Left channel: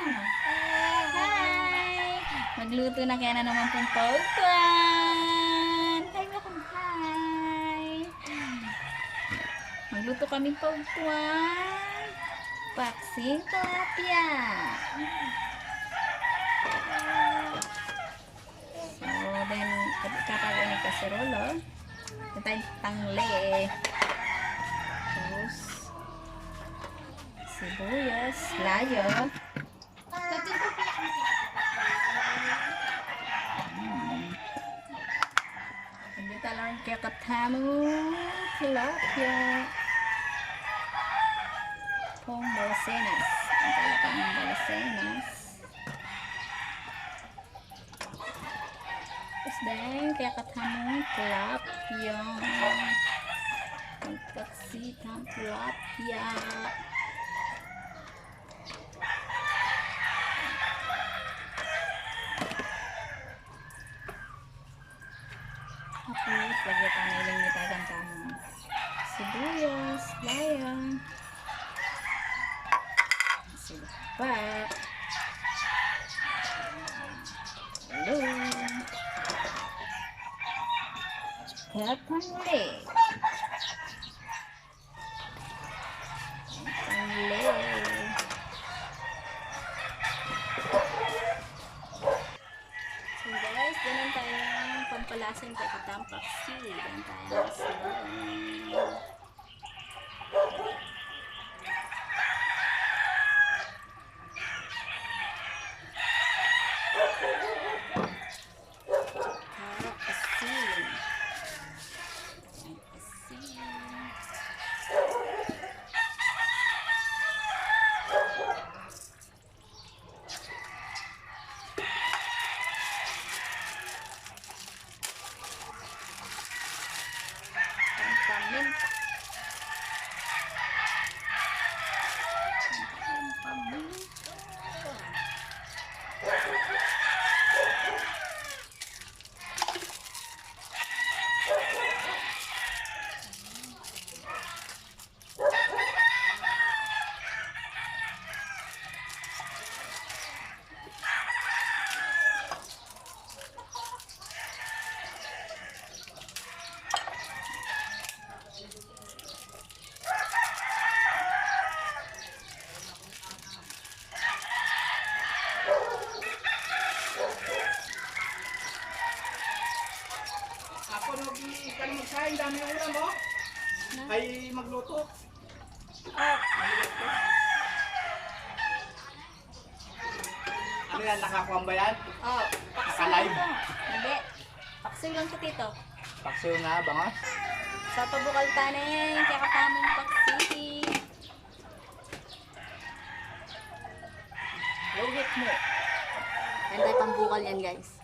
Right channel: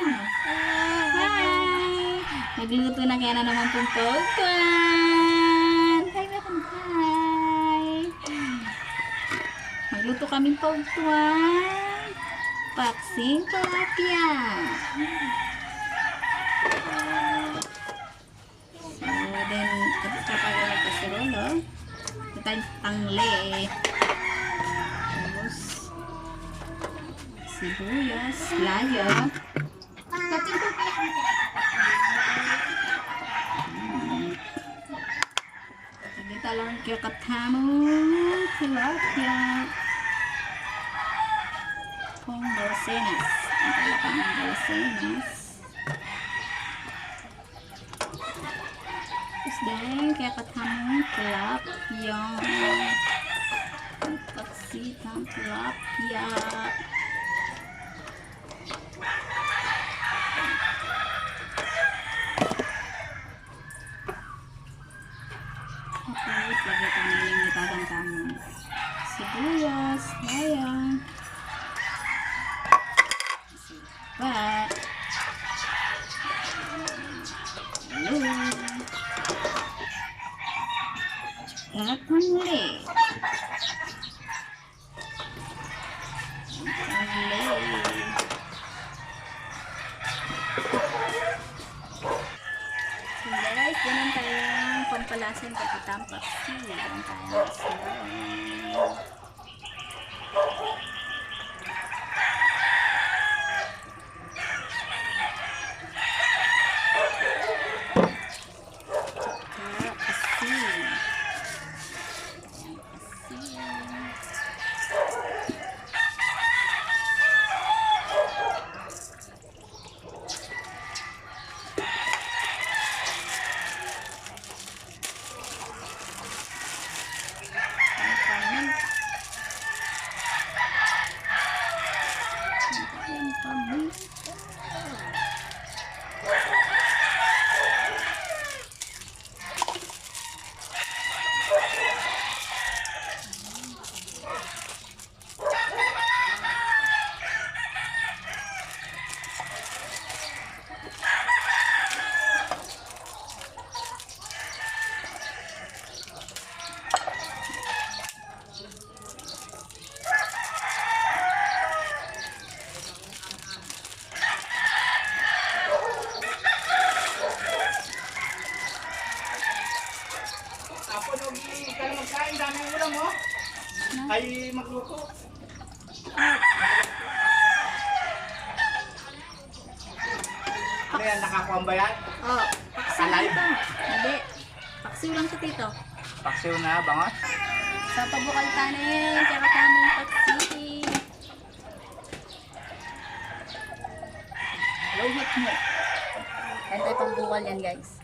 Hi! Magluto na kaya na naman pong pagkuhan. Hi, welcome. Hi! Magluto kami pagkuhan. Paksing tilapia. So, then, ito tayo ng kasirolo. Ito tayong tangle. Tapos, sibuyas, layo. Dito lang kaya katamo tilapia. Pong dalasenas. Ang talapang ng dalasenas. Tapos din, kaya katamo tilapia. Ang paksitang tilapia. Okay, lagyan tayo ng lingitagang kamo. Sibuyas, layang. Sipat. Hello. At panli. Panli. So guys, ganun tayong pampalasan kaya katampak. Ganun tayo. Ako nugi ka na magkain, dami ulam mo. Ay magluto. Ano yan, nakakuha ba yan? Oh, paksiw lang to. Hindi. Paksiw lang to, tito. Paksiw na, bangot. Sa pabukal tanin, kaya katamong paksiw. Lohit mo. Yan tayo pambukal yan, guys.